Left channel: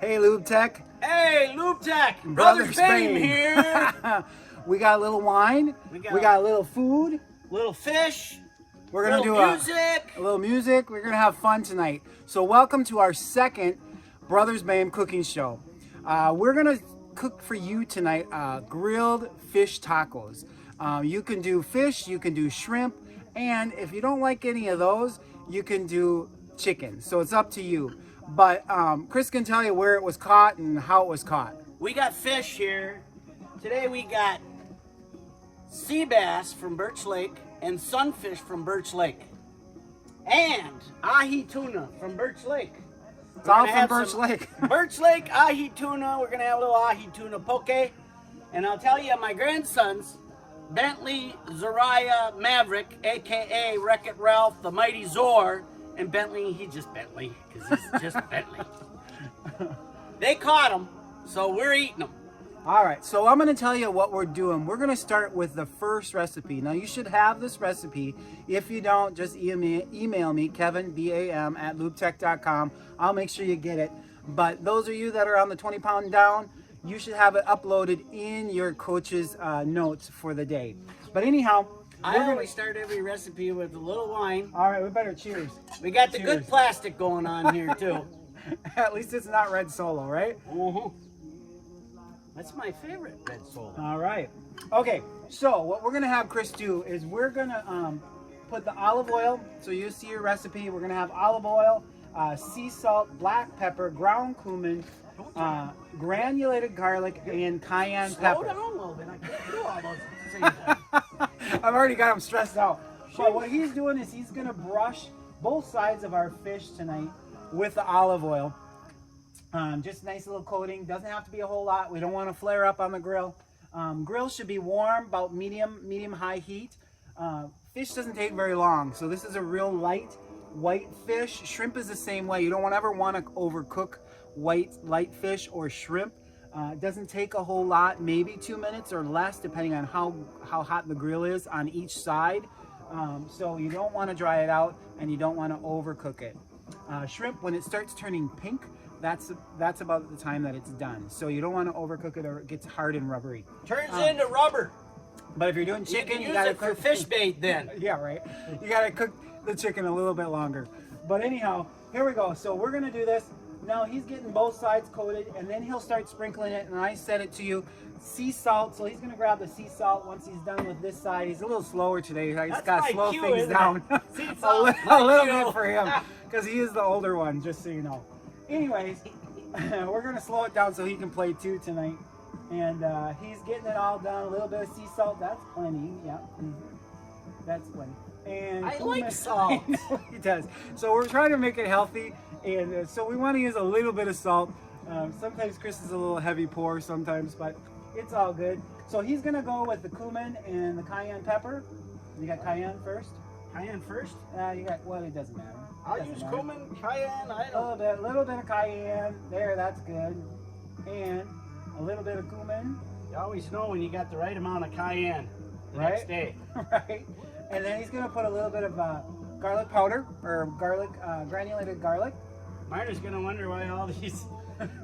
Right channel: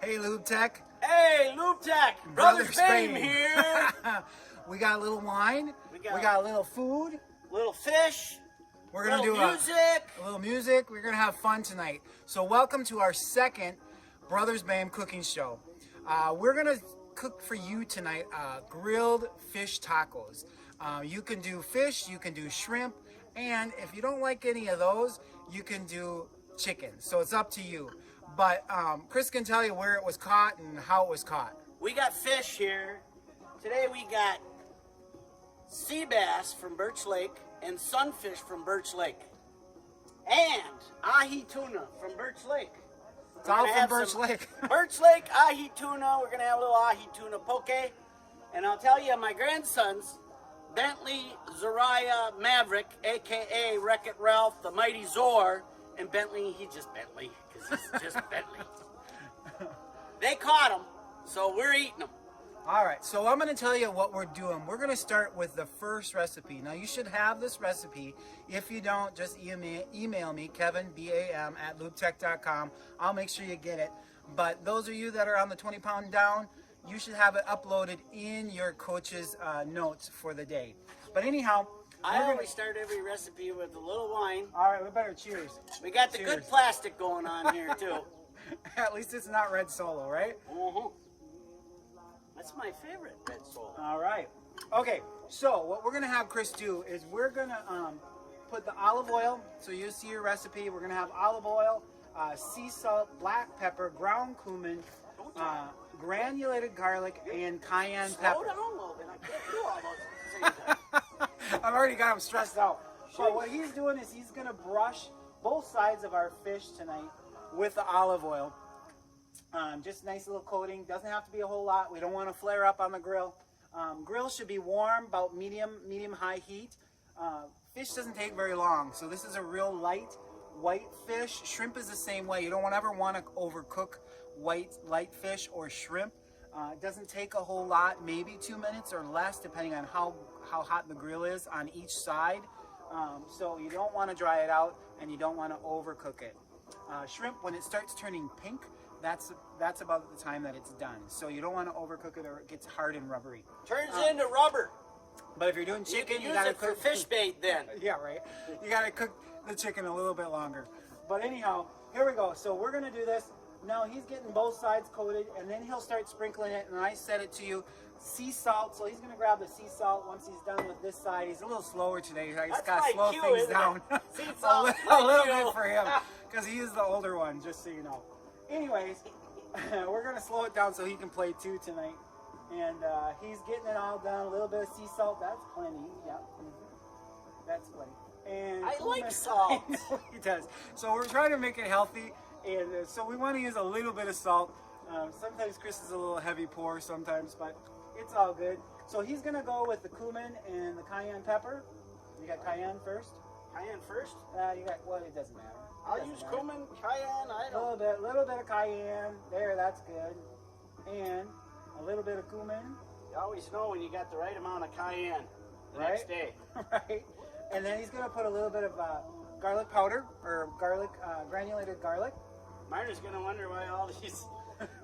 Hey, Lube Tech. Hey, Lube Tech. Brothers Bame here. We got a little wine. We got a little food. Little fish. We're going to do music. a little music. We're going to have fun tonight. So welcome to our second Brothers Bame cooking show. We're going to cook for you tonight grilled fish tacos. You can do fish, you can do shrimp, and if you don't like any of those, you can do chicken. So it's up to you. But Chris can tell you where it was caught and how it was caught. We got fish here. Today we got sea bass from Birch Lake and sunfish from Birch Lake. And ahi tuna from Birch Lake. It's all from Birch Lake. Birch Lake ahi tuna. We're going to have a little ahi tuna poke. And I'll tell you, my grandsons, Bentley Zariah Maverick, a.k.a. Wreck-It Ralph, the Mighty Zor, and Bentley, he's just Bentley, because he's just Bentley. They caught him, so we're eating them. All right, so I'm going to tell you what we're doing. We're going to start with the first recipe. Now, you should have this recipe. If you don't, just email me, Kevin, BAM, at lubetech.com. I'll make sure you get it. But those of you that are on the 20 pound down, you should have it uploaded in your coach's notes for the day. But anyhow, I always start every recipe with a little wine. All right, we better cheers. We got the good plastic going on here, too. At least it's not red Solo, right? Mm-hmm. That's my favorite red Solo. All right. Okay, so what we're going to have Chris do is we're going to put the olive oil. So you see your recipe. We're going to have olive oil, sea salt, black pepper, ground cumin, granulated garlic, and cayenne pepper. Slow down a little bit. I can't do all those things. I've already got him stressed out. So what he's doing is he's going to brush both sides of our fish tonight with the olive oil. Just nice little coating. Doesn't have to be a whole lot. We don't want to flare up on the grill. Grill should be warm, about medium-high heat. Fish doesn't take very long, so this is a real light white fish. Shrimp is the same way. You don't ever want to overcook light fish or shrimp. It doesn't take a whole lot, maybe 2 minutes or less, depending on how hot the grill is on each side. So you don't want to dry it out, and you don't want to overcook it. Shrimp, when it starts turning pink, that's about the time that it's done. So you don't want to overcook it or it gets hard and rubbery. Turns into rubber. But if you're doing chicken, you gotta cook fish bait then. Yeah, right. You gotta cook the chicken a little bit longer. But anyhow, here we go. So we're gonna do this. Now he's getting both sides coated, and then he'll start sprinkling it. And I said it to you, sea salt. So he's gonna grab the sea salt once he's done with this side. He's a little slower today. He's got to slow things down a little bit for him, because he is the older one. Just so you know. Anyways, we're gonna slow it down so he can play too tonight. And he's getting it all done. A little bit of sea salt. That's plenty. Yeah, that's plenty. And I like salt. He does. So we're trying to make it healthy, and so we want to use a little bit of salt. Sometimes Chris is a little heavy pour sometimes, but it's all good. So he's gonna go with the cumin and the cayenne pepper. You got cayenne first? Cayenne first? You got, well, it doesn't matter. I'll use cumin, cayenne, A little bit of cayenne. There, that's good. And a little bit of cumin. You always know when you got the right amount of cayenne the next day. Right. And then he's going to put a little bit of garlic powder, or granulated garlic. Marta's going to wonder why all these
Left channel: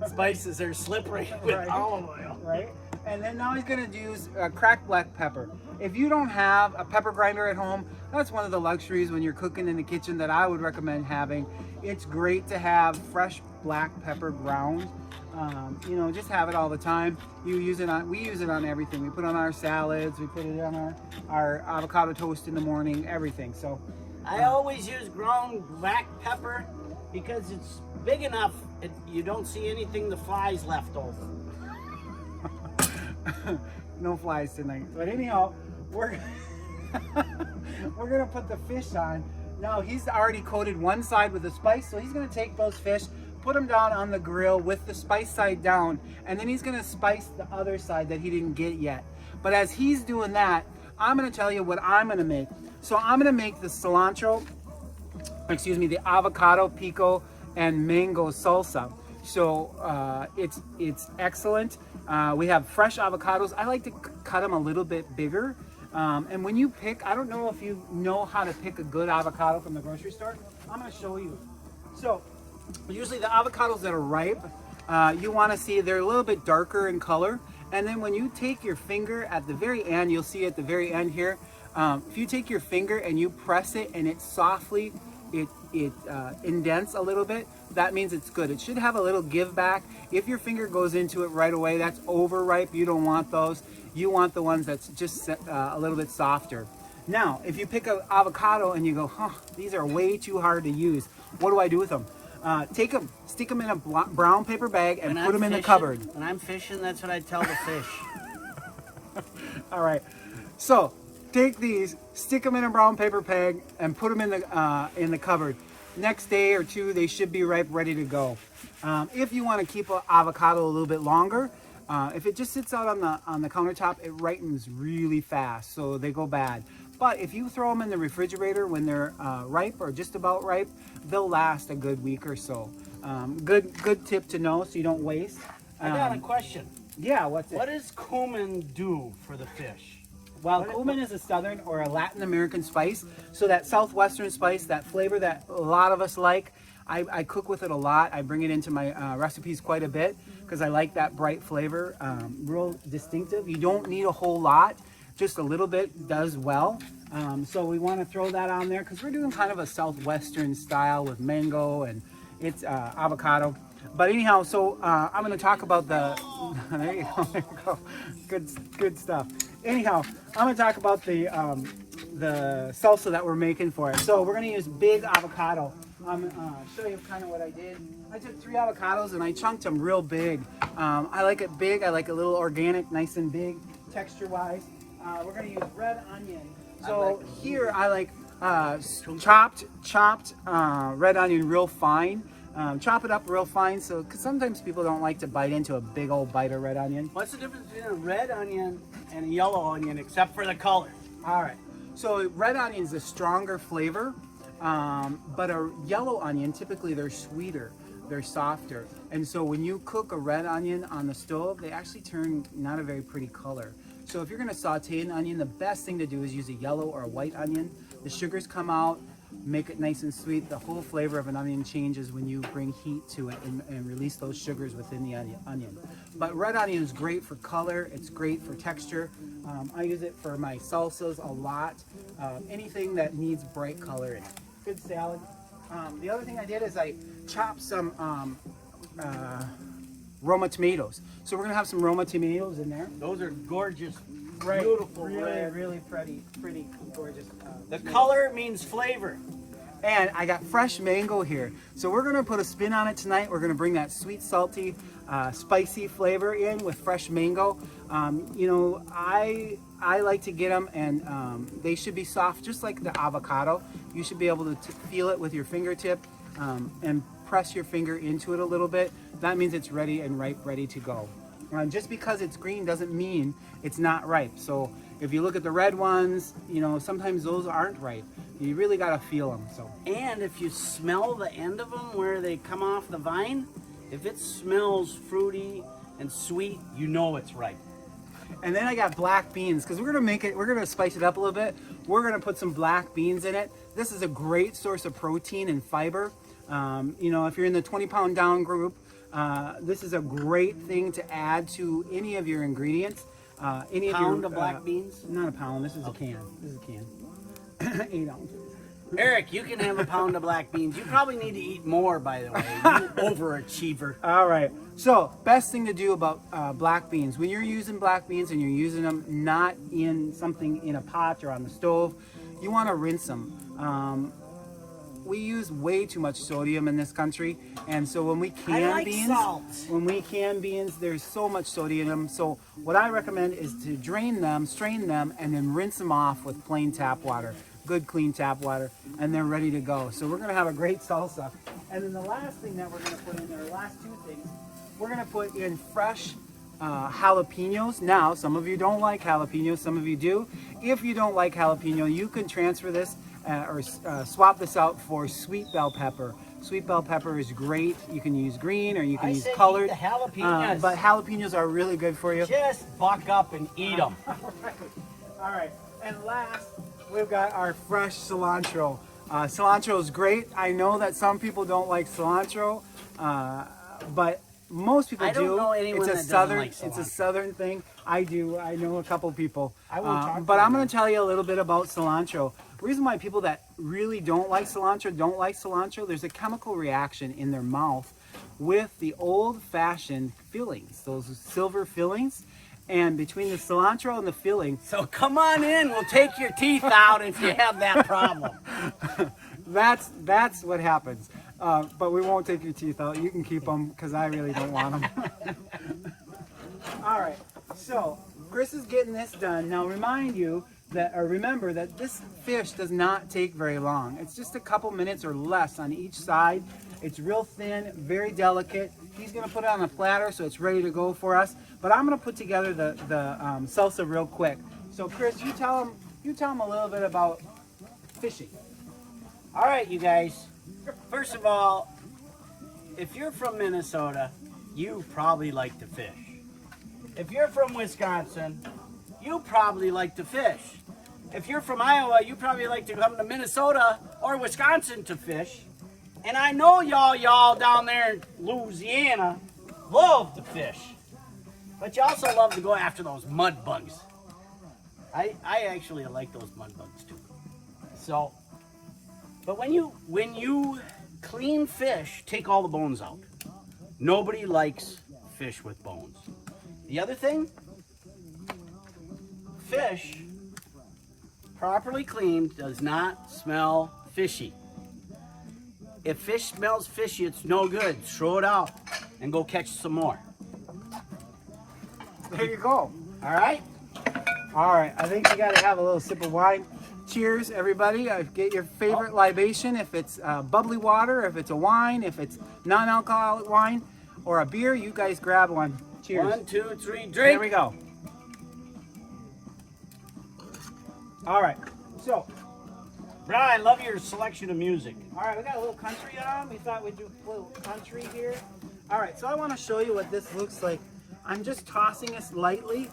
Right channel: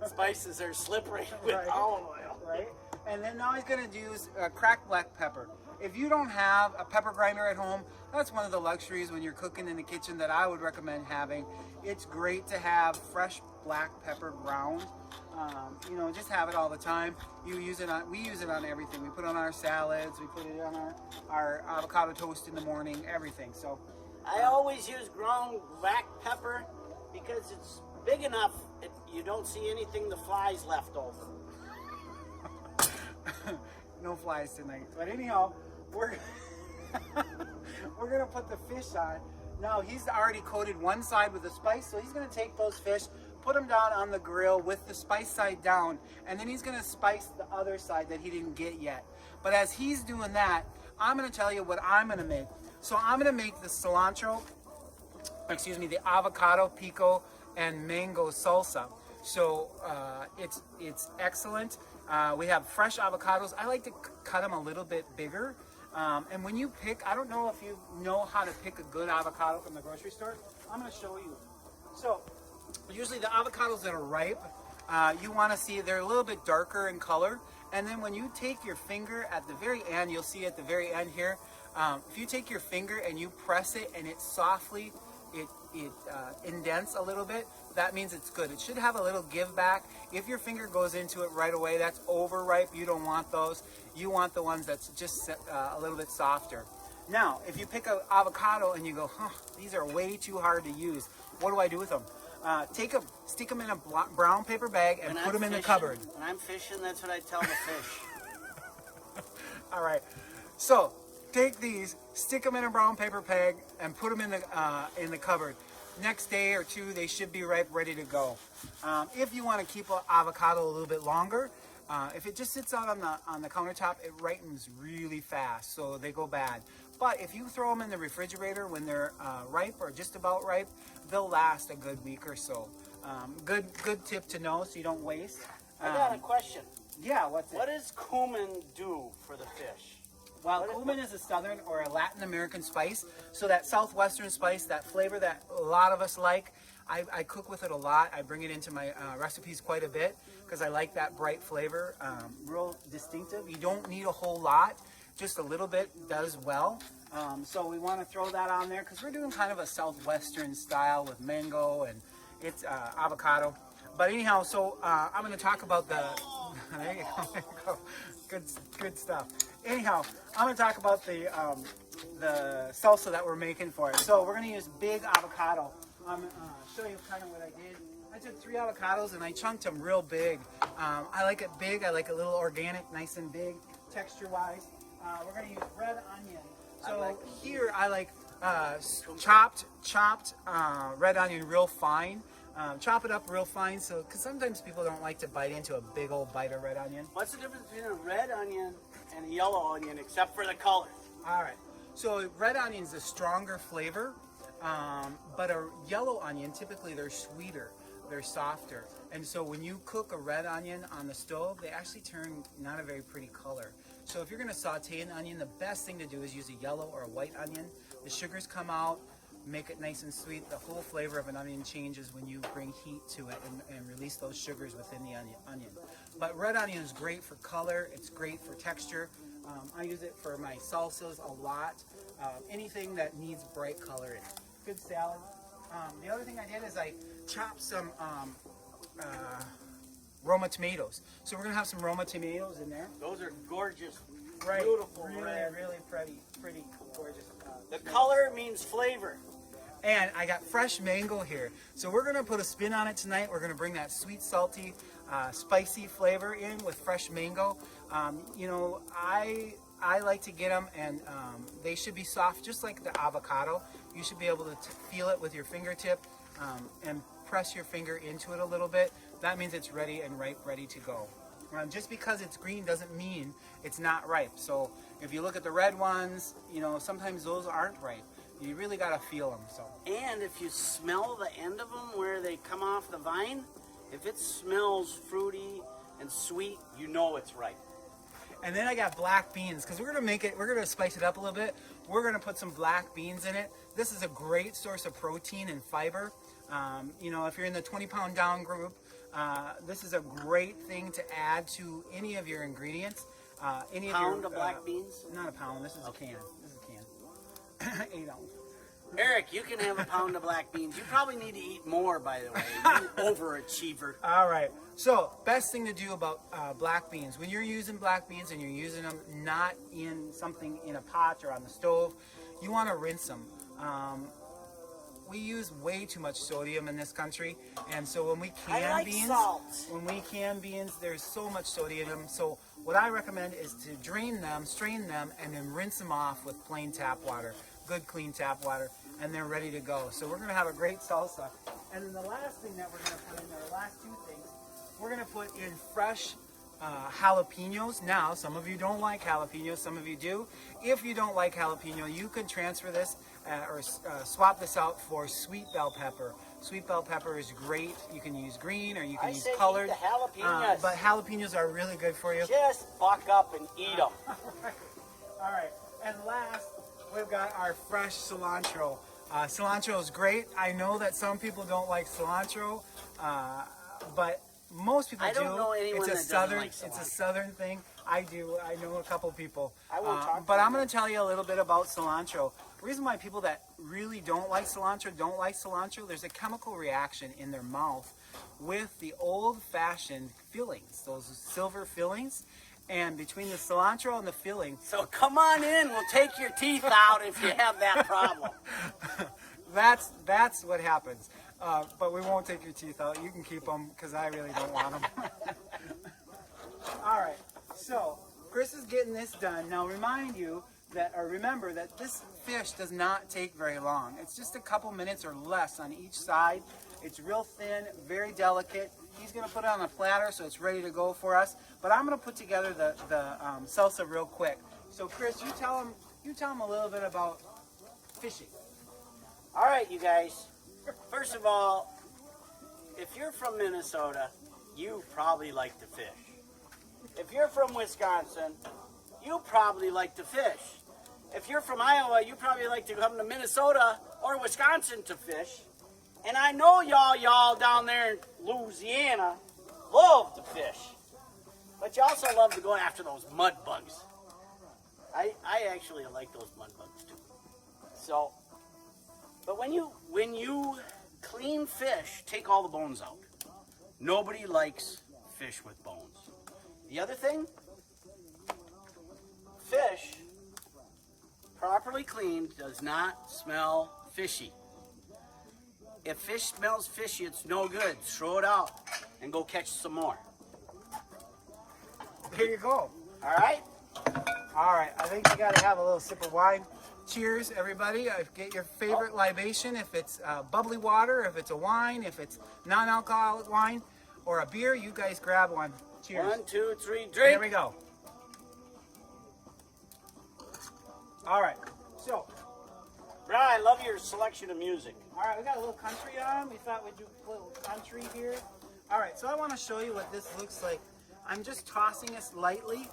spices are slippery with olive oil. Right. And then now he's going to use cracked black pepper. If you don't have a pepper grinder at home, that's one of the luxuries when you're cooking in the kitchen that I would recommend having. It's great to have fresh black pepper ground. You know, just have it all the time. We use it on everything. We put it on our salads. We put it on our avocado toast in the morning. Everything. So I always use ground black pepper because it's big enough. You don't see anything the flies left over. No flies tonight. But anyhow, we're gonna put the fish on. Now he's already coated one side with the spice, so he's gonna take those fish, put them down on the grill with the spice side down, and then he's gonna spice the other side that he didn't get yet. But as he's doing that, I'm gonna tell you what I'm gonna make. So I'm gonna make the the avocado pico and mango salsa. So it's excellent. We have fresh avocados. I like to cut them a little bit bigger. And when you pick, I don't know if you know how to pick a good avocado from the grocery store. I'm going to show you. So usually the avocados that are ripe, you want to see they're a little bit darker in color. And then when you take your finger at the very end, you'll see at the very end here, if you take your finger and you press it and it softly, it indents a little bit, that means it's good. It should have a little give back. If your finger goes into it right away, that's overripe. You don't want those. You want the ones that's just a little bit softer. Now, if you pick an avocado and you go, huh, these are way too hard to use, what do I do with them? Take them, stick them in a brown paper bag and put them in the cupboard. When I'm fishing, that's what I tell the fish. All right, so take these, stick them in a brown paper bag and put them in the cupboard. Next day or two, they should be ripe, ready to go. If you want to keep an avocado a little bit longer, if it just sits out on the countertop, it ripens really fast, so they go bad. But if you throw them in the refrigerator when they're ripe or just about ripe, they'll last a good week or so. Good tip to know so you don't waste. I got a question. Yeah, what's it? What does cumin do for the fish? Well, cumin is a southern or a Latin American spice. So that southwestern spice, that flavor that a lot of us like, I cook with it a lot. I bring it into my recipes quite a bit because I like that bright flavor, real distinctive. You don't need a whole lot, just a little bit does well. So we want to throw that on there because we're doing kind of a southwestern style with mango and it's avocado. But anyhow, so I'm going to talk about the, there you go, good stuff. Anyhow, I'm going to talk about the salsa that we're making for it. So we're going to use big avocado. I'm going to show you kind of what I did. I took 3 avocados and I chunked them real big. I like it big. I like a little organic, nice and big, texture-wise. We're going to use red onion. So here I like chopped red onion real fine. Chop it up real fine, so cause sometimes people don't like to bite into a big old bite of red onion. What's the difference between a red onion and a yellow onion except for the color? All right, so red onion is a stronger flavor, but a yellow onion, typically they're sweeter, they're softer. And so when you cook a red onion on the stove, they actually turn not a very pretty color. So if you're gonna saute an onion, the best thing to do is use a yellow or a white onion. The sugars come out, make it nice and sweet. The whole flavor of an onion changes when you bring heat to it and release those sugars within the onion. But red onion is great for color. It's great for texture. I use it for my salsas a lot. Anything that needs bright color in it. Good salad. The other thing I did is I chopped some Roma tomatoes. So we're gonna have some Roma tomatoes in there. Those are gorgeous, Right. beautiful Really, red. really pretty, gorgeous. The color means flavor. And I got fresh mango here. So we're gonna put a spin on it tonight. We're gonna bring that sweet, salty, spicy flavor in with fresh mango. You know, I like to get them and they should be soft, just like the avocado. You should be able to feel it with your fingertip and press your finger into it a little bit. That means it's ready and ripe, ready to go. Just because it's green doesn't mean it's not ripe. So if you look at the red ones, you know, sometimes those aren't ripe. You really gotta feel them. So. And if you smell the end of them where they come off the vine, if it smells fruity and sweet, you know it's ripe. And then I got black beans because we're gonna spice it up a little bit. We're gonna put some black beans in it. This is a great source of protein and fiber. You know, if you're in the 20-pound down group, this is a great thing to add to any of your ingredients. Any Pound of black beans? Not a pound. This is a can. This is a can. 8 ounces. Eric, you can have a pound of black beans. You probably need to eat more, by the way. You overachiever. All right. So, best thing to do about black beans, when you're using black beans and you're using them not in something in a pot or on the stove, you want to rinse them. We use way too much sodium in this country, and so when we can beans, there's so much sodium. So what I recommend is to drain them, strain them, and then rinse them off with plain tap water, good clean tap water, and they're ready to go. So we're gonna have a great salsa. And then the last thing that we're gonna put in there, the last 2 things, we're gonna put in fresh jalapenos. Now, some of you don't like jalapenos, some of you do. If you don't like jalapeno, you can transfer this or swap this out for sweet bell pepper. Sweet bell pepper is great. You can use green or you can use colored. Eat the jalapenos. But jalapenos are really good for you. Just buck up and eat them. All right. And last, we've got our fresh cilantro. Cilantro is great. I know that some people don't like cilantro, but most people I don't know anyone it's a that doesn't southern, like it's a cilantro. southern thing. I do. I know a couple people. I won't talk to but I'm them. going to tell you a little bit about cilantro. The reason why people that really don't like cilantro, there's a chemical reaction in their mouth with the old-fashioned fillings, those silver fillings. And between the cilantro and the filling, So come on in, we'll take your teeth out if you have that problem. that's what happens. But we won't take your teeth out. You can keep them because I really don't want them. All right. So Chris is getting this done. Now remember that this fish does not take very long. It's just a couple minutes or less on each side. It's real thin, very delicate. He's going to put it on a platter so it's ready to go for us. But I'm going to put together the salsa real quick. So Chris, you tell him a little bit about fishing. All right, you guys. First of all, if you're from Minnesota, you probably like to fish. If you're from Wisconsin, you probably like to fish. If you're from Iowa, you probably like to come to Minnesota or Wisconsin to fish. And I know y'all down there in Louisiana love to fish. But you also love to go after those mud bugs. I actually like those mud bugs too. So, but when you clean fish, take all the bones out. Nobody likes fish with bones. The other thing, fish properly cleaned does not smell fishy. If fish smells fishy, it's no good. Throw it out and go catch some more. There you go. All right? All right, I think you got to have a little sip of wine. Cheers, everybody. Get your favorite libation. If it's bubbly water, if it's a wine, if it's non-alcoholic wine, or a beer, you guys grab one. Cheers. 1, 2, 3, drink. There we go. All right, so, Brian, I love your selection of music. all right, we got a little country on. We thought we'd do a little country here. All right, so I want to show you what this looks like. I'm just tossing this lightly.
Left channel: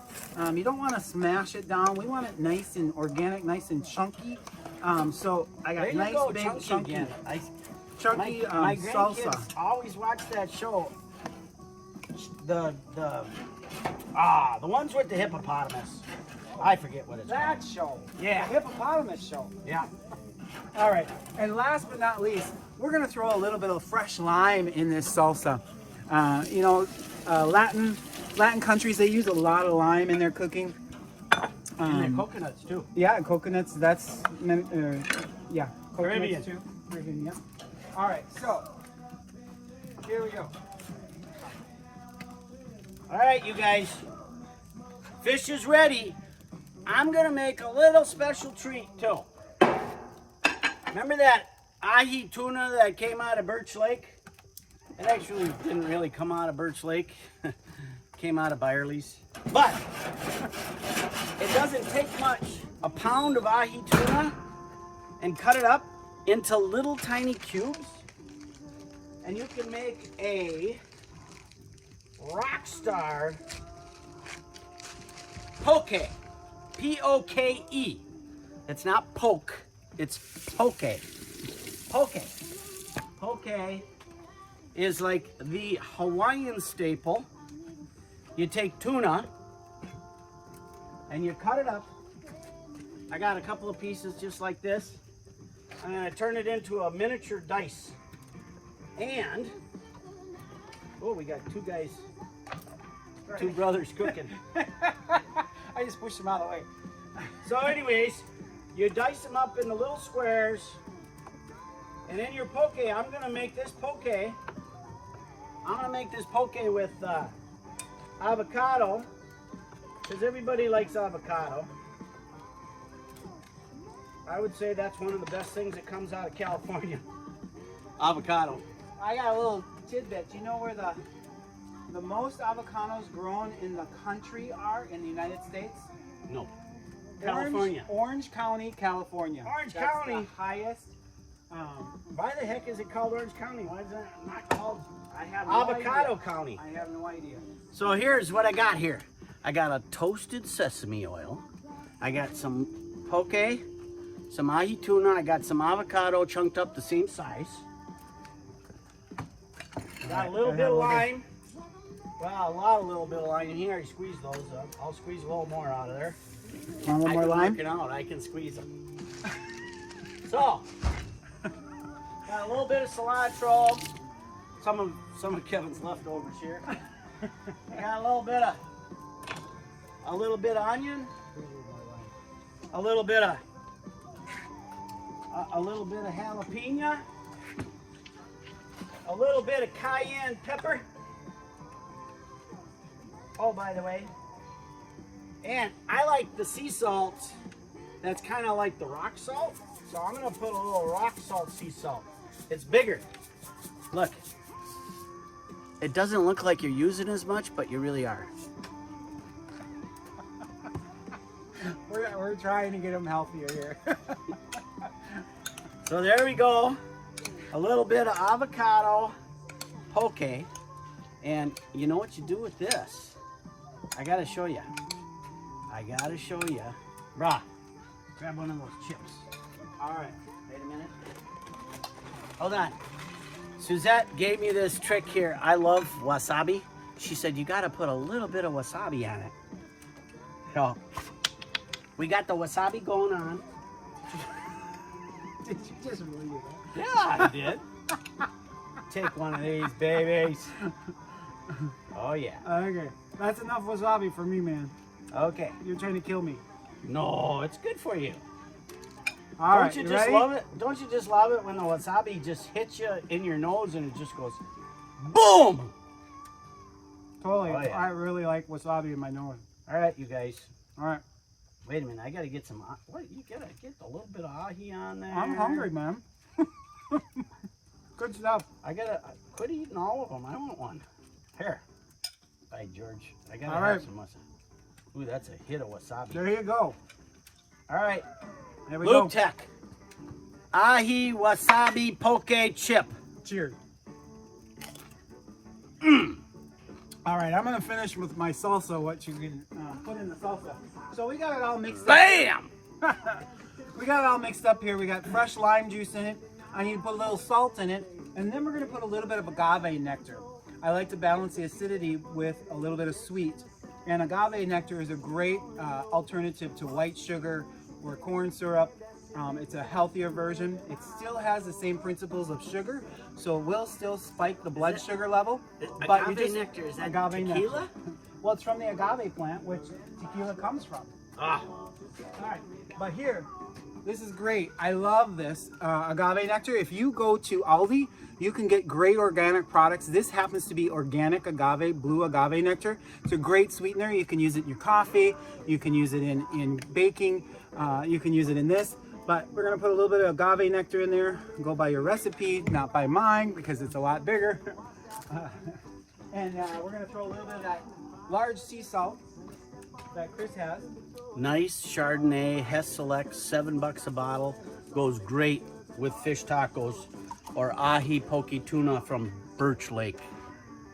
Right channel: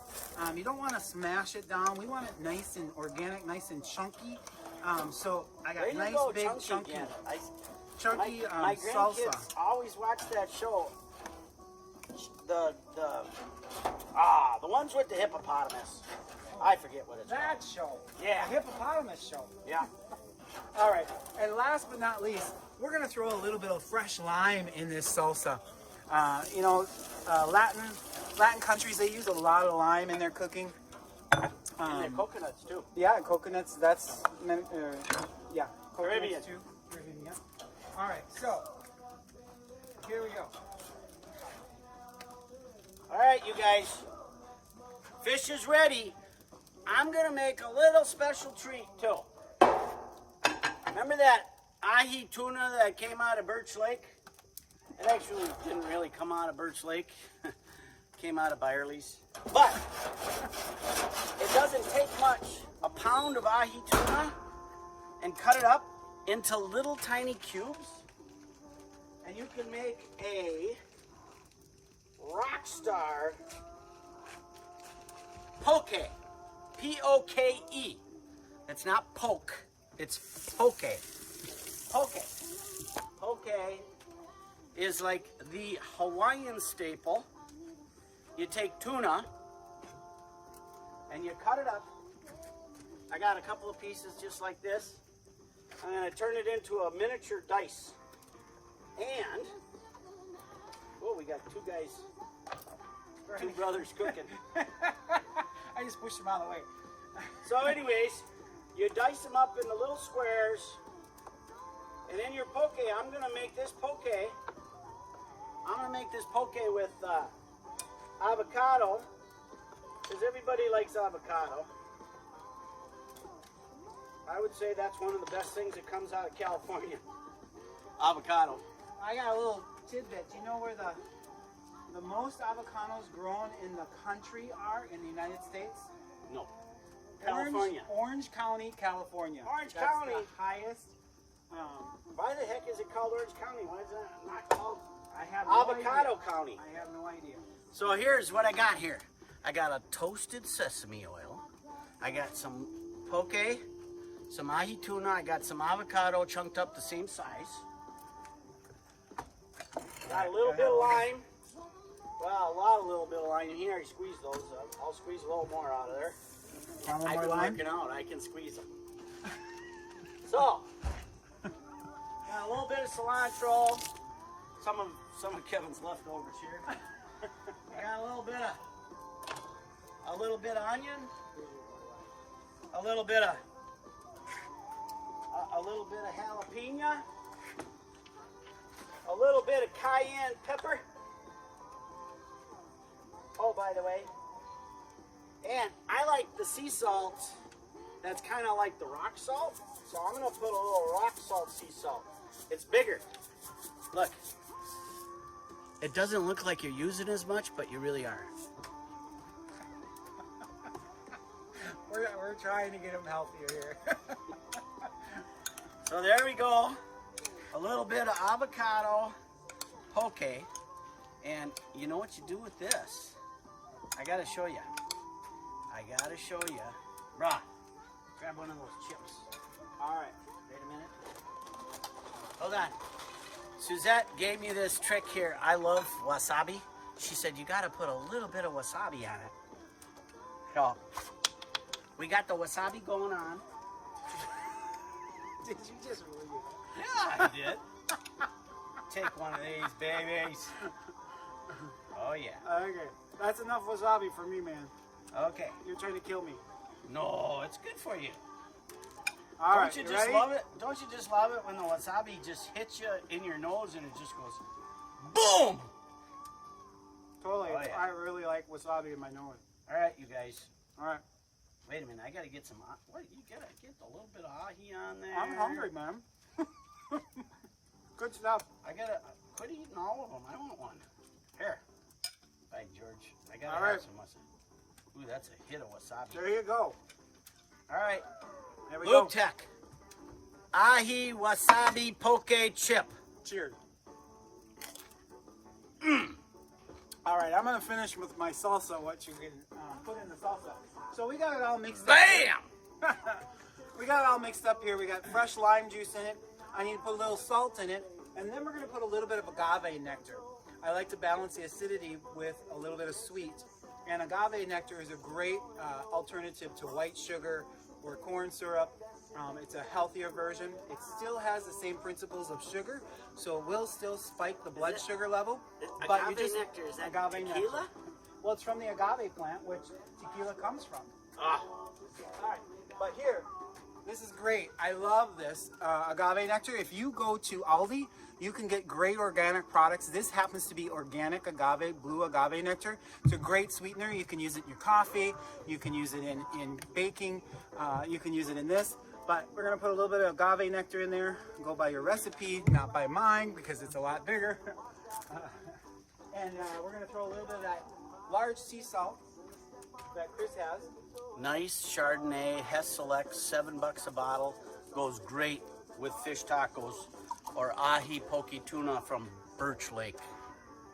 You don't want to smash it down. We want it nice and organic, nice and chunky. So I got There you nice go, big chunky, again. chunky My salsa. grandkids always watch that show. The ones with the hippopotamus. I forget what it's That called. show. Yeah. The hippopotamus show. Yeah. All right, and last but not least, we're gonna throw a little bit of fresh lime in this salsa. You know, Latin countries, they use a lot of lime in their cooking. And the coconuts too. Yeah, coconuts. That's yeah, coconuts Caribbean. too. Caribbean, yeah. All right, so here we go. All right, you guys. Fish is ready. I'm gonna make a little special treat too. Remember that ahi tuna that came out of Birch Lake? It actually didn't really come out of Birch Lake. Came out of Byerly's. But it doesn't take much. A pound of ahi tuna and cut it up into little tiny cubes. And you can make a rock star poke. P-O-K-E. It's not poke, it's poke. Poke. Poke is like the Hawaiian staple. You take tuna and you cut it up. I got a couple of pieces just like this. I'm gonna turn it into a miniature dice. And, oh, we got two guys, two brothers cooking. I just pushed them out of the way. So anyways, you dice them up into little squares. And then your poke, I'm gonna make this poke. I'm gonna make this poke with avocado, because everybody likes avocado. I would say that's one of the best things that comes out of California. Avocado. I got a little tidbit. Do you know where the most avocados grown in the country are in the United States? No. California. Orange County, California. Orange That's County. the highest. Why the heck is it called Orange County? Why is that not called I have no Avocado idea. County? I have no idea. So here's what I got here. I got a toasted sesame oil. I got some poke, some ahi tuna. I got some avocado chunked up the same size. Got a little bit of lime. got a lot of little bit of lime in here. I squeezed those up. I'll squeeze a little more out of there. Want one more lime? Working out, I can squeeze them. So, got a little bit of cilantro. Some of Kevin's leftovers here. Got a little bit of onion. A little bit of jalapeno. A little bit of cayenne pepper. Oh, by the way, and I like the sea salt that's kind of like the rock salt. So I'm going to put a little rock salt sea salt. It's bigger. Look. It doesn't look like you're using as much, but you really are. We're trying to get them healthier here. So there we go. A little bit of avocado poke. And you know what you do with this? I got to show you. Brah, grab one of those chips. All right, wait a minute. Hold on. Suzette gave me this trick here. I love wasabi. She said, you got to put a little bit of wasabi on it. So, we got the wasabi going on. Did you just really do that? Yeah, I did. Take one of these babies. Oh, yeah. Okay, that's enough wasabi for me, man. Okay. You're trying to kill me. No, it's good for you. All right, Don't you you just ready? love it? Don't you just love it when the wasabi just hits you in your nose and it just goes boom? Totally. Oh, yeah. I really like wasabi in my nose. All right, you guys. All right. Wait a minute. I got to get some. What? You got to get a little bit of ahi on there. I'm hungry, man. Good stuff. I got to quit eating all of them. I want one. Here. Bye, George. I got to All have right. some wasabi. Ooh, that's a hit of wasabi. There you go. All right. There we Luke go. Tech. Ahi wasabi poke chip. Cheers. All right, I'm gonna finish with my salsa. What you can put in the salsa. So we got it all mixed up. Bam! We got it all mixed up here. We got fresh lime juice in it. I need to put a little salt in it, and then we're gonna put a little bit of agave nectar. I like to balance the acidity with a little bit of sweet. And agave nectar is a great alternative to white sugar or corn syrup. It's a healthier version. It still has the same principles of sugar, so it will still spike the blood sugar level. But you just nectar, is that agave tequila? nectar. Well, it's from the agave plant, which tequila comes from. Ah. All right, but here, this is great. I love this agave nectar. If you go to Aldi, you can get great organic products. This happens to be organic agave, blue agave nectar. It's a great sweetener. You can use it in your coffee. You can use it in baking. You can use it in this. But we're gonna put a little bit of agave nectar in there. Go by your recipe, not by mine, because it's a lot bigger. And we're gonna throw a little bit of that large sea salt that Chris has. Nice Chardonnay, Hess Select, $7 a bottle. Goes great with fish tacos or ahi poke tuna from Birch Lake.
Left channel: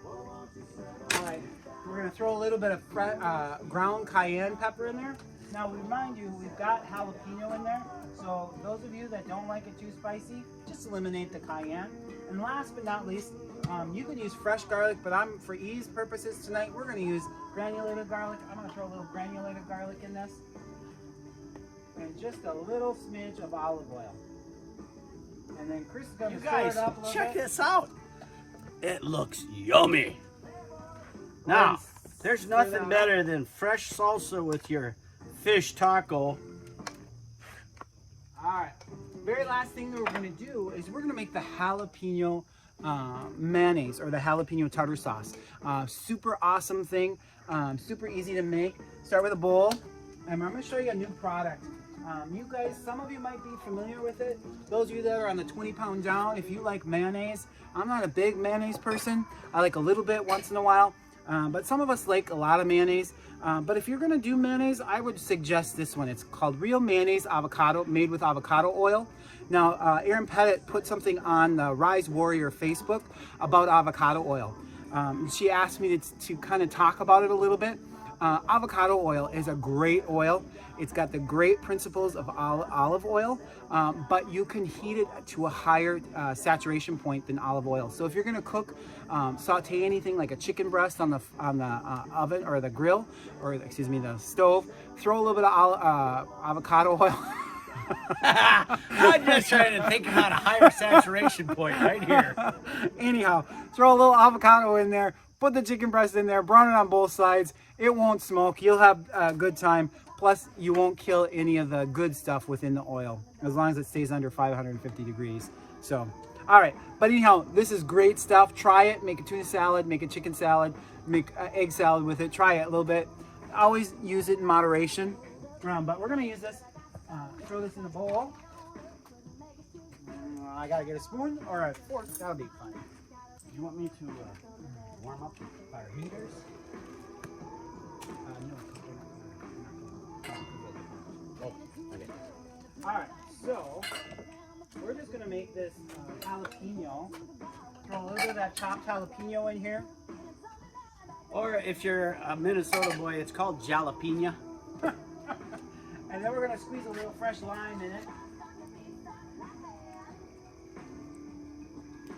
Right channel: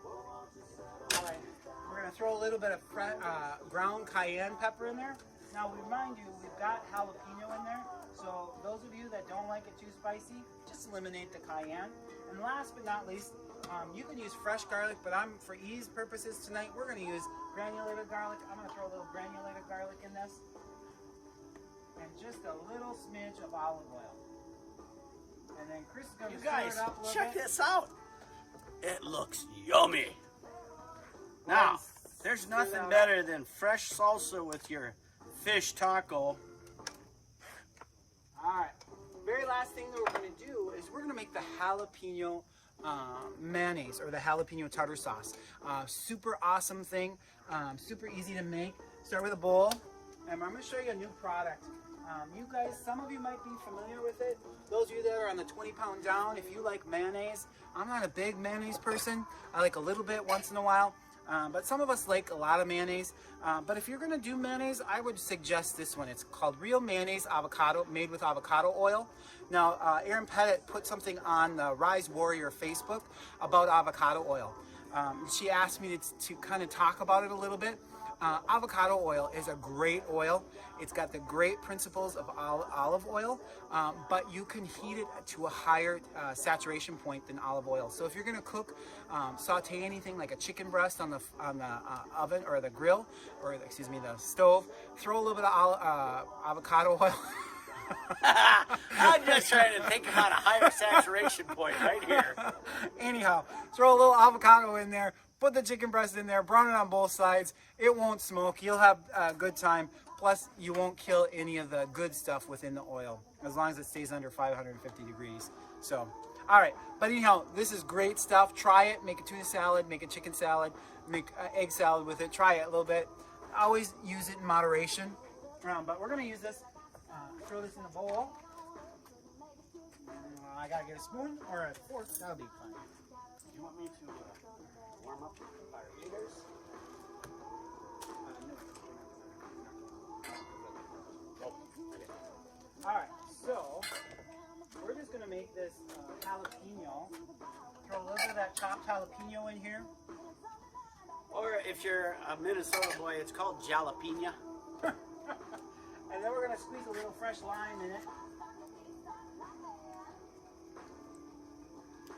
All right, we're gonna throw a little bit of ground cayenne pepper in there. Now we remind you, we've got jalapeno in there. So those of you that don't like it too spicy, just eliminate the cayenne. And last but not least, you can use fresh garlic, but for ease purposes tonight, we're gonna use granulated garlic. I'm gonna throw a little granulated garlic in this. And just a little smidge of olive oil. And then Chris is gonna You stir guys, it up a little check bit. this out. It looks yummy. Now, there's Stir nothing that better than fresh salsa with your fish taco. All right, very last thing that we're gonna do is we're gonna make the jalapeno mayonnaise or the jalapeno tartar sauce. Super awesome thing, super easy to make. Start with a bowl, and I'm gonna show you a new product. You guys, some of you might be familiar with it. Those of you that are on the 20-pound down, if you like mayonnaise, I'm not a big mayonnaise person. I like a little bit once in a while. But some of us like a lot of mayonnaise. But if you're gonna do mayonnaise, I would suggest this one. It's called Real Mayonnaise Avocado, made with avocado oil. Now, Erin Pettit put something on the Rise Warrior Facebook about avocado oil. She asked me to kind of talk about it a little bit. Avocado oil is a great oil. It's got the great principles of olive oil, but you can heat it to a higher saturation point than olive oil. So if you're going to cook, saute anything like a chicken breast on the oven or the grill, or excuse me, the stove, throw a little bit of avocado oil. I'm just trying to think about a higher saturation point right here. Anyhow, throw a little avocado in there, put the chicken breast in there, brown it on both sides. It won't smoke. You'll have a good time. Plus, you won't kill any of the good stuff within the oil as long as it stays under 550 degrees. So, all right. But anyhow, this is great stuff. Try it. Make a tuna salad, make a chicken salad, make an egg salad with it. Try it a little bit. Always use it in moderation. But we're going to use this. Throw this in the bowl. I gotta get a spoon or a fork. That'll be fine. Do you want me to warm up our heaters? No. Okay. All right. So we're just gonna make this jalapeno. Throw a little bit of that chopped jalapeno in here. Or if you're a Minnesota boy, it's called jalapeno. And then we're going to squeeze a little fresh lime in it.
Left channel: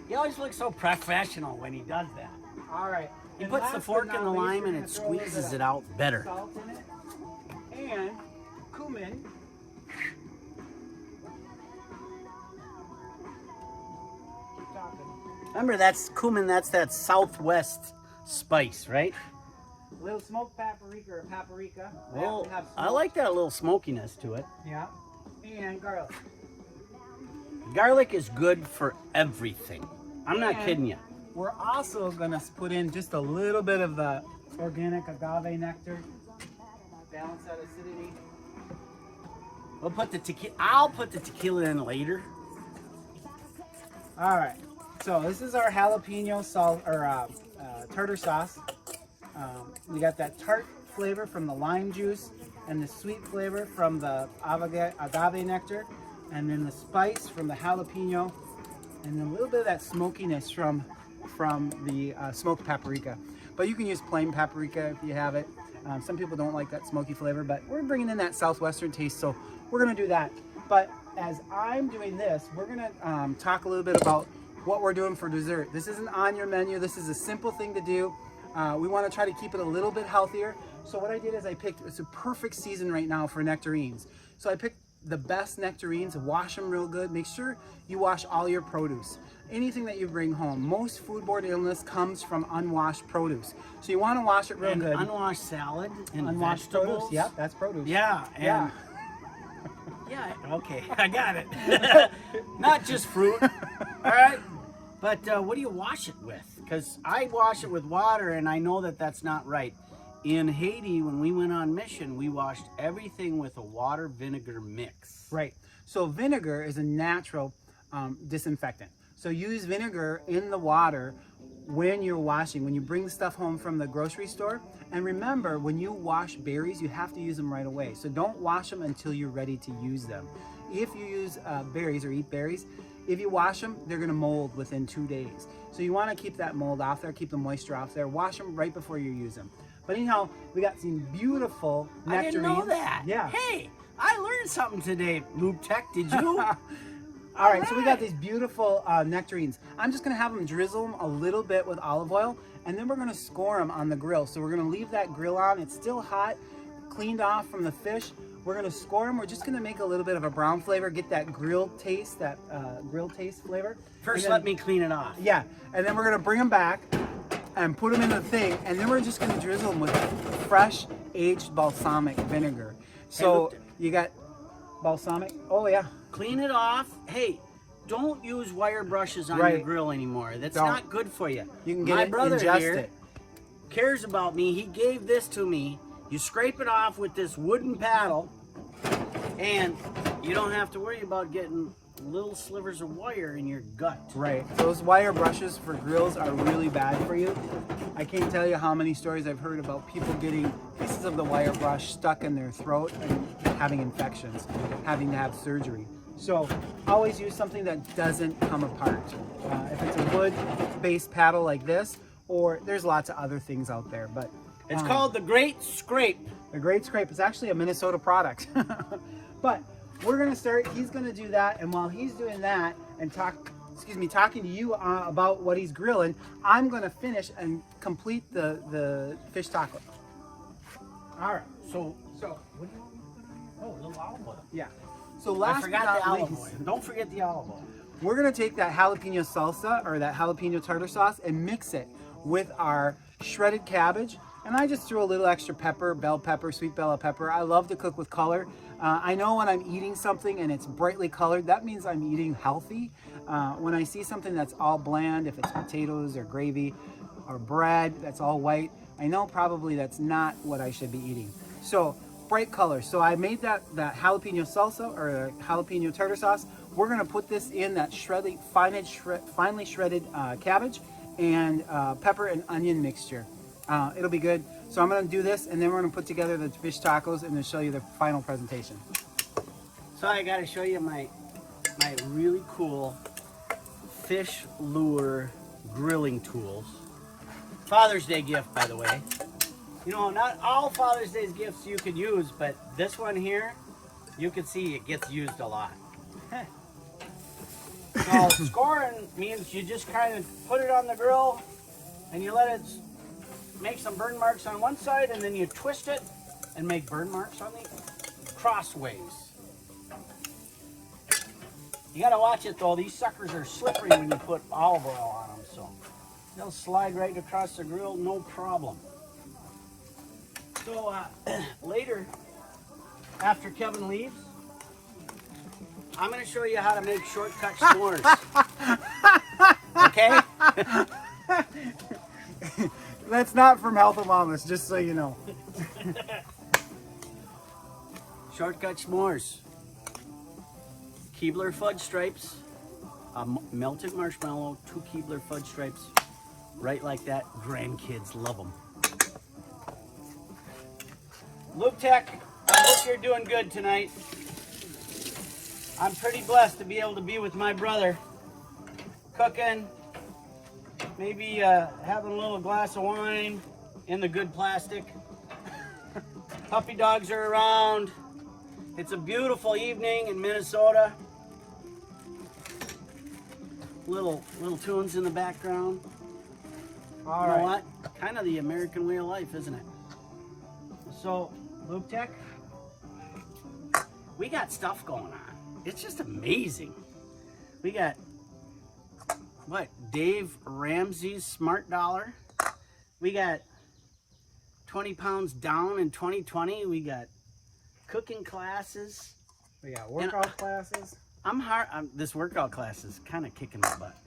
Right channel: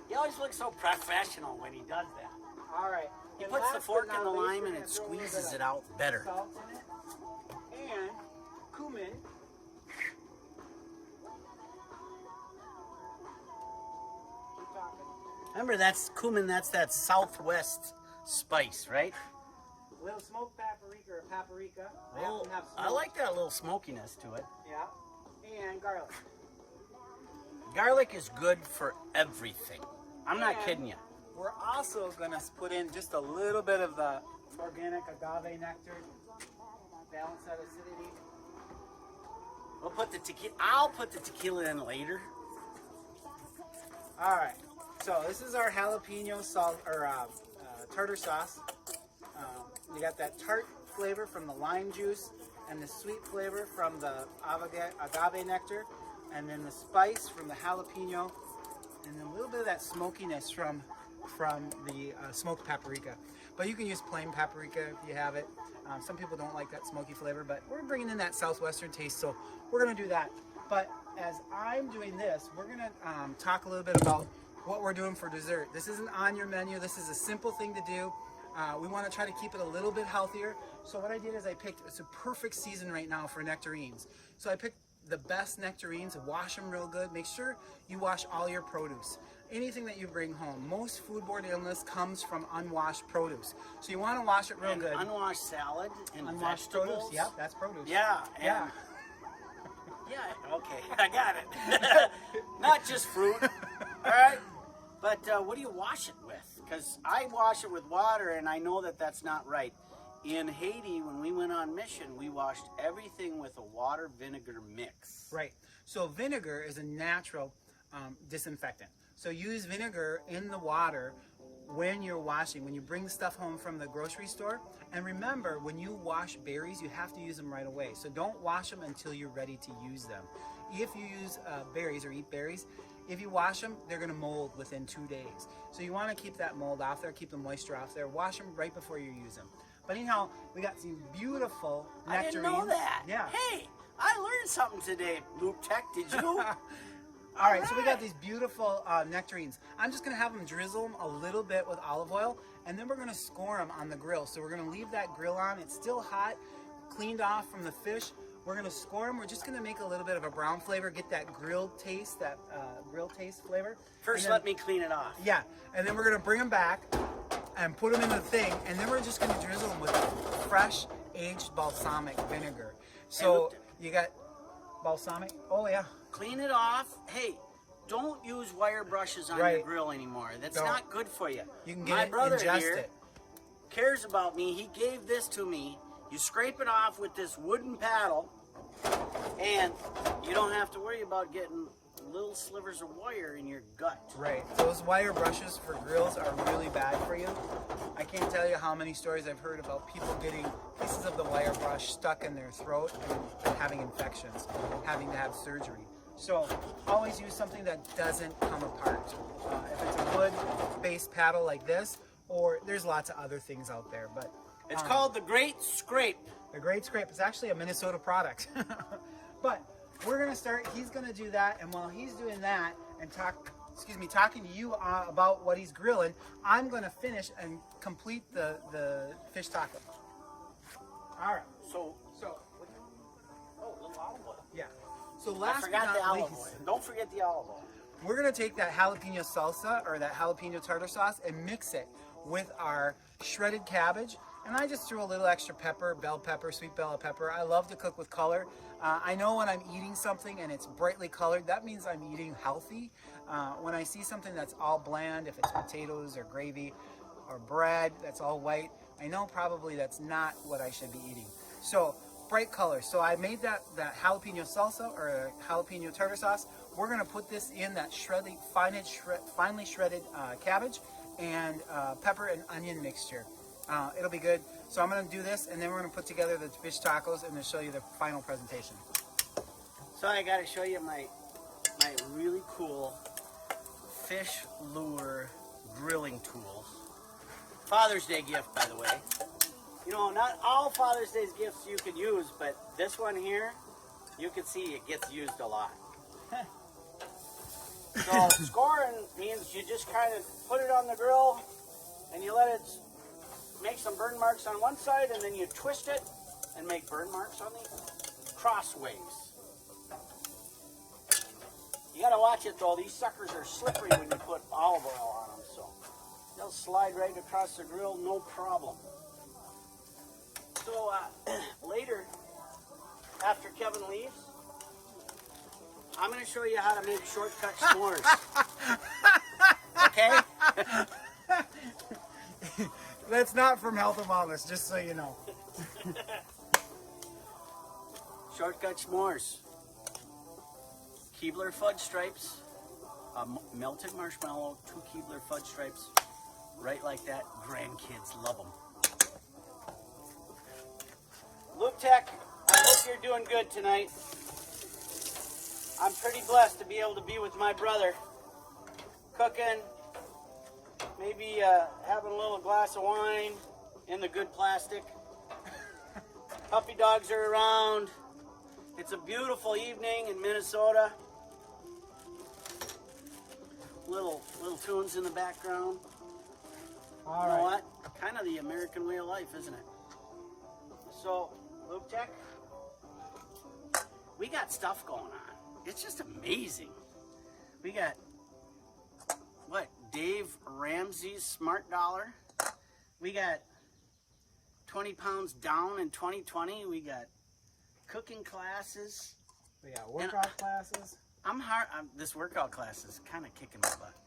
He always looks so professional when he does that. All right. He And puts the last fork but in the not least, lime we're and gonna it throw a little bit squeezes of it out better. Salt in it. And cumin. Remember, that's cumin, that's that southwest spice, right? A little smoked paprika or paprika. They Well, have to have I smoke. like that little smokiness to it. Yeah. And garlic. Garlic is good for everything. I'm not And kidding you. We're also going to put in just a little bit of the organic agave nectar. Balance that acidity. We'll put the tequila. I'll put the tequila in later. All right. So this is our jalapeno salt or tartar sauce. We got that tart flavor from the lime juice and the sweet flavor from the agave nectar, and then the spice from the jalapeno, and then a little bit of that smokiness from the smoked paprika. But you can use plain paprika if you have it. Some people don't like that smoky flavor, but we're bringing in that southwestern taste, so we're going to do that. But as I'm doing this, we're going to talk a little bit about what we're doing for dessert. This isn't on your menu. This is a simple thing to do. We want to try to keep it a little bit healthier. So what I did is I picked, it's a perfect season right now for nectarines. So I picked the best nectarines, wash them real good. Make sure you wash all your produce. Anything that you bring home. Most foodborne illness comes from unwashed produce. So you want to wash it real And good. unwashed salad and Unwashed vegetables. produce, yep, that's produce. Yeah, and Yeah. yeah, okay, I got it. Not just fruit. All right. But what do you wash it with? Because I wash it with water, and I know that that's not right. In Haiti, when we went on mission, we washed everything with a water vinegar mix. Right. So vinegar is a natural disinfectant. So use vinegar in the water when you're washing, when you bring stuff home from the grocery store. And remember, when you wash berries, you have to use them right away. So don't wash them until you're ready to use them. If you use berries or eat berries, if you wash them, they're going to mold within 2 days. So you want to keep that mold off there, keep the moisture off there. Wash them right before you use them. But anyhow, we got some beautiful nectarines. I didn't know that. Yeah. Hey, I learned something today, Lube Tech. Did you? All right, so we got these beautiful nectarines. I'm just gonna have them drizzle them a little bit with olive oil, and then we're gonna score them on the grill. So we're gonna leave that grill on. It's still hot, cleaned off from the fish. We're gonna score them. We're just gonna make a little bit of a brown flavor, get that grilled taste, flavor. First, And let then- me clean it off. Yeah, and then we're gonna bring them back and put them in the thing, and then we're just gonna drizzle them with fresh aged balsamic vinegar. So look- you got balsamic. Oh yeah. Clean it off. Hey, don't use wire brushes on your Right. grill anymore. That's Don't. not good for you. You can get My it, brother ingest here it. cares about me. He gave this to me. You scrape it off with this wooden paddle, and you don't have to worry about getting little slivers of wire in your gut. Right. Those wire brushes for grills are really bad for you. I can't tell you how many stories I've heard about people getting pieces of the wire brush stuck in their throat and having infections, having to have surgery. So always use something that doesn't come apart. If it's a wood-based paddle like this, or there's lots of other things out there, but It's called the Great Scrape. The Great Scrape is actually a Minnesota product. But we're gonna start, he's gonna do that, and while he's doing that and talking to you about what he's grilling, I'm gonna finish and complete the fish taco. All right, so what do you want me to put on? Oh, a little olive oil. Yeah. So I last forgot but the not olive least, oil. Don't forget the olive oil. we're gonna take that jalapeno salsa or that jalapeno tartar sauce and mix it with our shredded cabbage. And I just threw a little extra pepper, bell pepper, sweet bell pepper. I love to cook with color. I know when I'm eating something and it's brightly colored, that means I'm eating healthy. When I see something that's all bland, if it's potatoes or gravy or bread that's all white, I know probably that's not what I should be eating. So bright colors. So I made that jalapeno salsa or jalapeno tartar sauce. We're gonna put this in that finely shredded cabbage and pepper and onion mixture. It'll be good. So I'm gonna do this, and then we're gonna put together the fish tacos and then show you the final presentation. So I gotta show you my really cool fish lure grilling tools. Father's Day gift, by the way. You know, not all Father's Day gifts you could use, but this one here, you can see it gets used a lot. So scoring means you just kind of put it on the grill and you let it make some burn marks on one side, and then you twist it and make burn marks on the crossways. You gotta watch it though, these suckers are slippery when you put olive oil on them, so they'll slide right across the grill, no problem. So later, after Kevin leaves, I'm gonna show you how to make shortcut s'mores. Okay? That's not from Health and Wellness, just so you know. Shortcut s'mores. Keebler fudge stripes, melted marshmallow, 2 Keebler fudge stripes, right like that. Grandkids love them. Lube Tech, I hope you're doing good tonight. I'm pretty blessed to be able to be with my brother, cooking, maybe having a little glass of wine in the good plastic. Puppy dogs are around. It's a beautiful evening in Minnesota. Little tunes in the background. You know what? Kind of the American way of life, isn't it? So, Lube Tech, we got stuff going on. It's just amazing. We got, what, Dave Ramsey's Smart Dollar. We got 20 pounds down in 2020. We got cooking classes. We got workout classes. This workout class is kind of kicking my butt.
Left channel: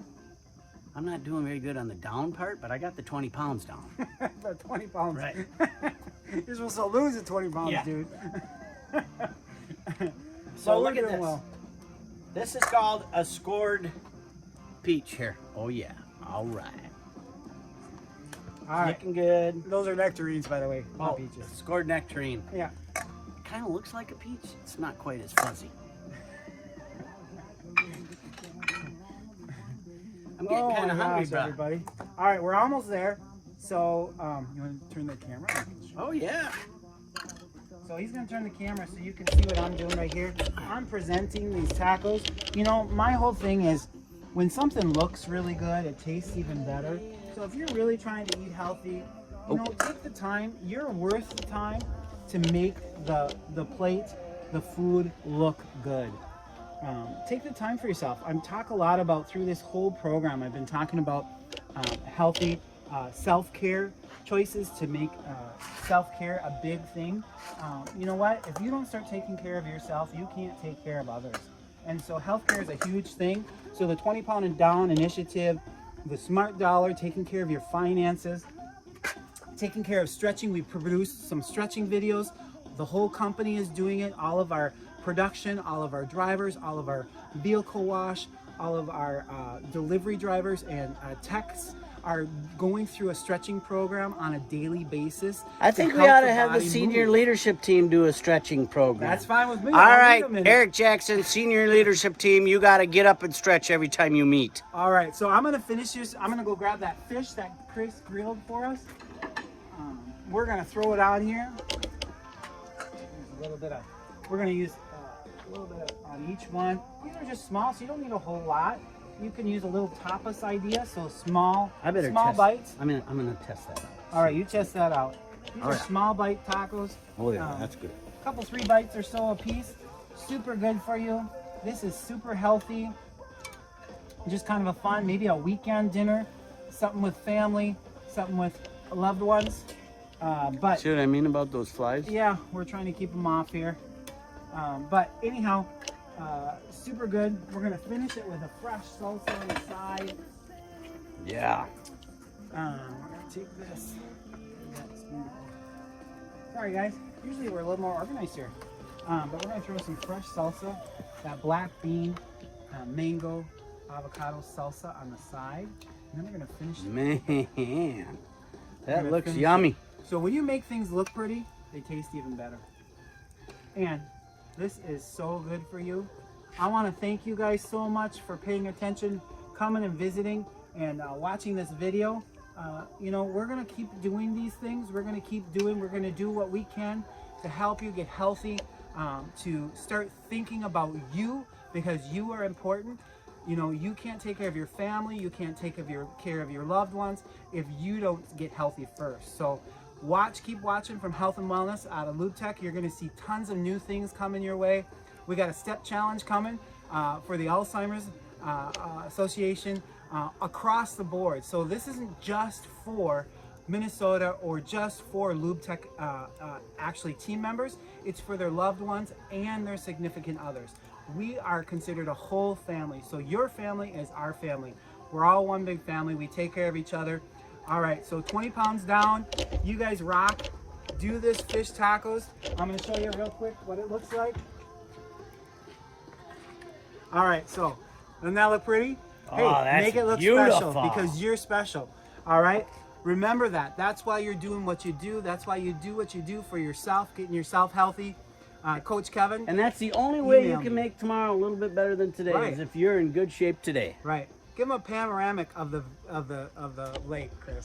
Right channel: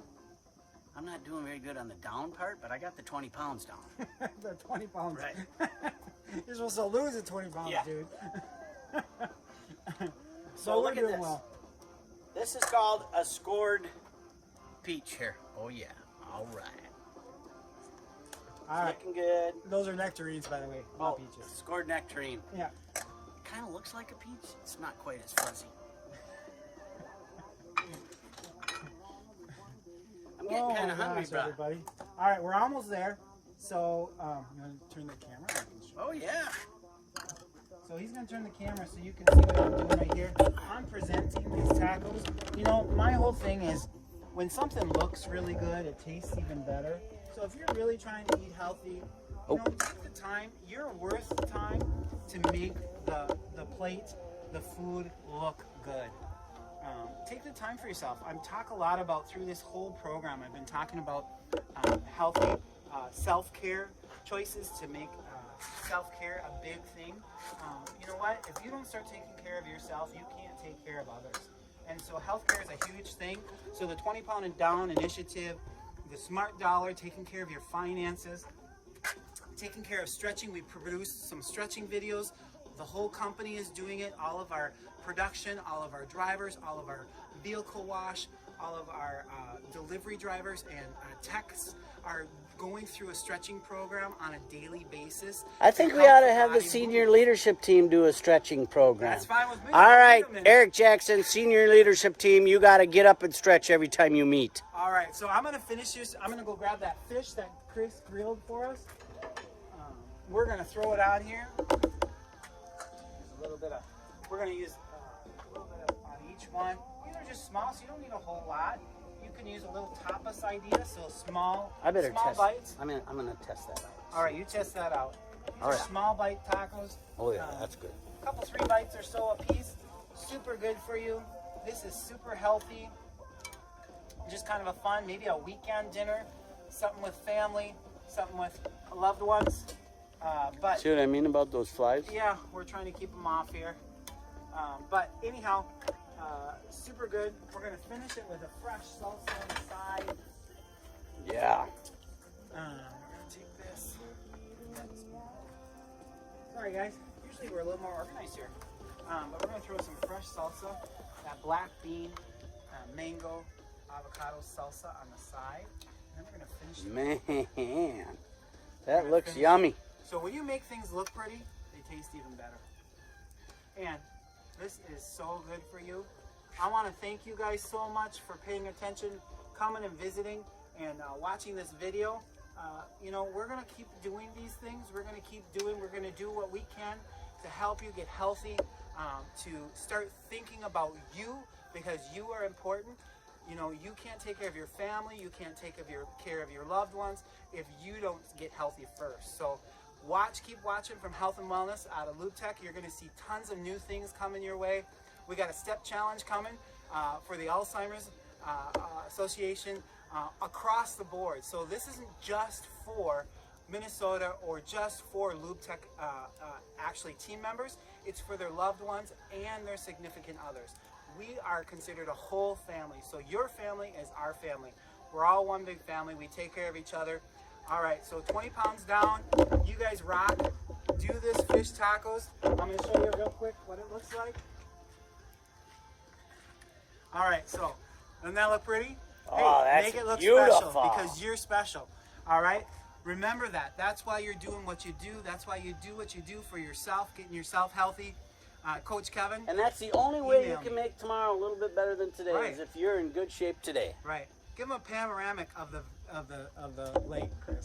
I'm not doing very good on the down part, but I got the 20 pounds down. 20 pounds. Right. You're supposed to lose the 20 pounds, Yeah. dude. So look at this. This is called a scored peach here. Oh yeah. All right. All right. Looking good. Those are nectarines, by the way. Not Oh, peaches. scored nectarine. Yeah. Kind of looks like a peach. It's not quite as fuzzy. I'm getting kind of hungry, bro. Everybody. All right, we're almost there. So, you want to turn the camera? Oh yeah. So he's going to turn the camera so you can see what I'm doing right here. I'm presenting these tacos. You know, my whole thing is when something looks really good, it tastes even better. So if you're really trying to eat healthy, you know, take the time. You're worth the time to make the plate, the food look good. Take the time for yourself. I'm talking a lot about, through this whole program, I've been talking about healthy self-care choices to make self-care a big thing. You know what? If you don't start taking care of yourself, you can't take care of others. And so healthcare is a huge thing. So the 20 pound and down initiative, the Smart Dollar, taking care of your finances, taking care of stretching. We produced some stretching videos. The whole company is doing it. All of our production, all of our drivers, all of our vehicle wash, all of our delivery drivers and techs are going through a stretching program on a daily basis. I think we ought to have the senior leadership team do a stretching program. That's fine with me. All right, Eric Jackson, senior leadership team, you got to get up and stretch every time you meet. All right, so I'm going to finish this. I'm going to go grab that fish that Chris grilled for us. we're gonna throw it on here. A little bit of, we're gonna use a little bit on each one. These are just small, so you don't need a whole lot. You can use a little tapas idea, so small bites. I'm gonna test that out. All right, you test that out. These are small bite tacos. Oh yeah, that's good. A couple 3 bites or so a piece. Super good for you. This is super healthy. Just kind of a fun, maybe a weekend dinner, something with family, something with loved ones. But see what I mean about those flies? yeah, we're trying to keep them off here. But anyhow, super good. We're gonna finish it with a fresh salsa on the side. Yeah. We're gonna take this. That's beautiful. Sorry guys, usually we're a little more organized here. But we're gonna throw some fresh salsa, that black bean, mango, avocado salsa on the side. And then we're gonna finish it. Man, that looks yummy. So when you make things look pretty, they taste even better. And this is so good for you. I want to thank you guys so much for paying attention, coming and visiting, and watching this video. You know, we're going to keep doing these things. We're going to do what we can to help you get healthy, to start thinking about you, because you are important. You know, you can't take care of your family, you can't take care of your loved ones if you don't get healthy first. So keep watching from Health and Wellness out of Lube Tech. You're going to see tons of new things coming your way. We got a step challenge coming for the Alzheimer's Association across the board. So this isn't just for Minnesota or just for Lube Tech actually team members. It's for their loved ones and their significant others. We are considered a whole family. So your family is our family. We're all one big family. We take care of each other. All right, so 20 pounds down. You guys rock. Do this fish tacos. I'm going to show you real quick what it looks like. All right, so doesn't that look pretty? Hey, make it look special because you're special. All right? Remember that. That's why you're doing what you do. That's why you do what you do for yourself, getting yourself healthy. Coach Kevin. And that's the only way you can make tomorrow a little bit better than today, right, is if you're in good shape today. Right. Give them a panoramic of the lake, Chris.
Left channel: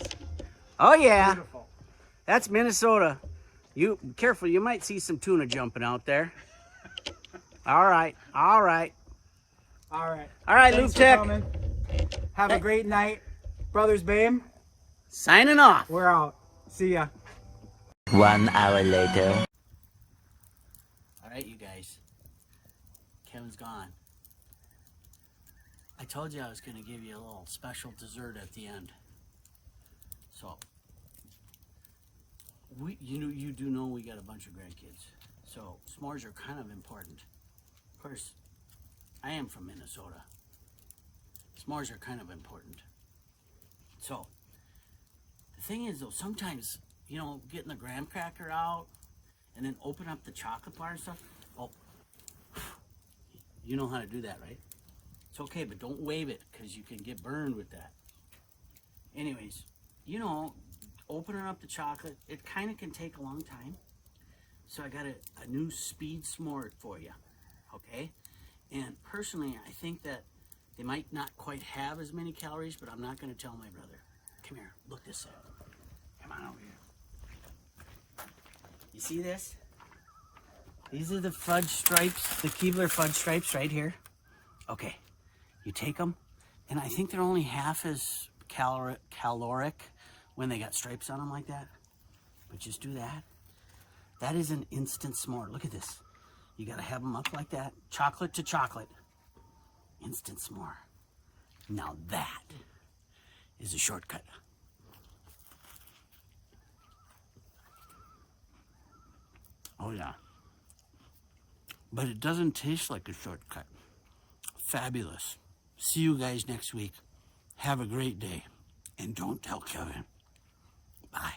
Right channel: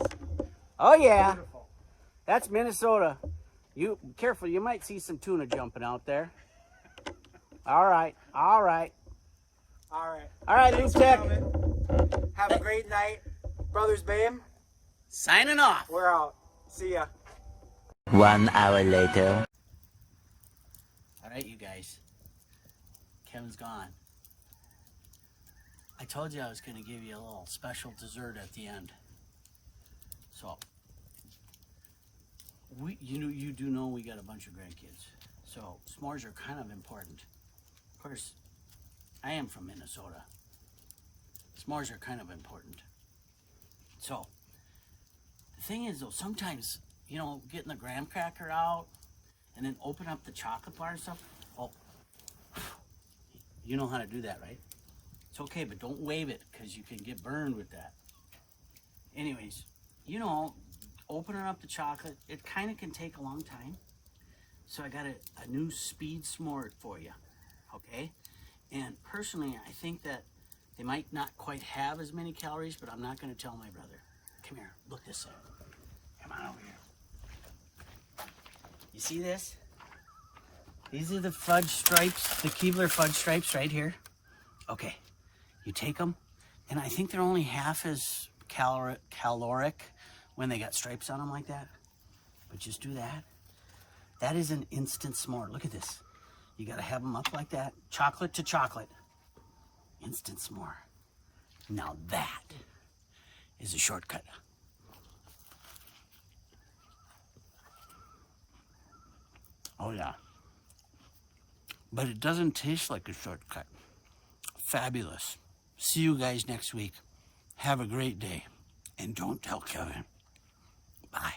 Oh yeah. Beautiful. That's Minnesota. You careful, you might see some tuna jumping out there. All right. All right. All right. All right, Thanks for coming. Have a great night. Brothers Bame. Signing off. We're out. See ya. 1 hour later. All right, you guys. Kevin's gone. I told you I was going to give you a little special dessert at the end. So, you do know we got a bunch of grandkids. So, s'mores are kind of important. Of course, I am from Minnesota. S'mores are kind of important. So, the thing is though, sometimes, you know, getting the graham cracker out and then open up the chocolate bar and stuff. Oh, you know how to do that, right? It's okay, but don't wave it because you can get burned with that. Anyways, you know, opening up the chocolate, it kind of can take a long time. So I got a new speed s'more for you, okay? And personally, I think that they might not quite have as many calories, but I'm not going to tell my brother. Come here, look this up. Come on over here. You see this? These are the fudge stripes, the Keebler fudge stripes right here. Okay, you take them, and I think they're only half as caloric when they got stripes on them like that. But just do that. That is an instant s'more. Look at this. You gotta have them up like that, chocolate to chocolate. Instant s'more. Now that is a shortcut. Oh yeah. But it doesn't taste like a shortcut. Fabulous. See you guys next week. Have a great day. And don't tell Kevin. Bye.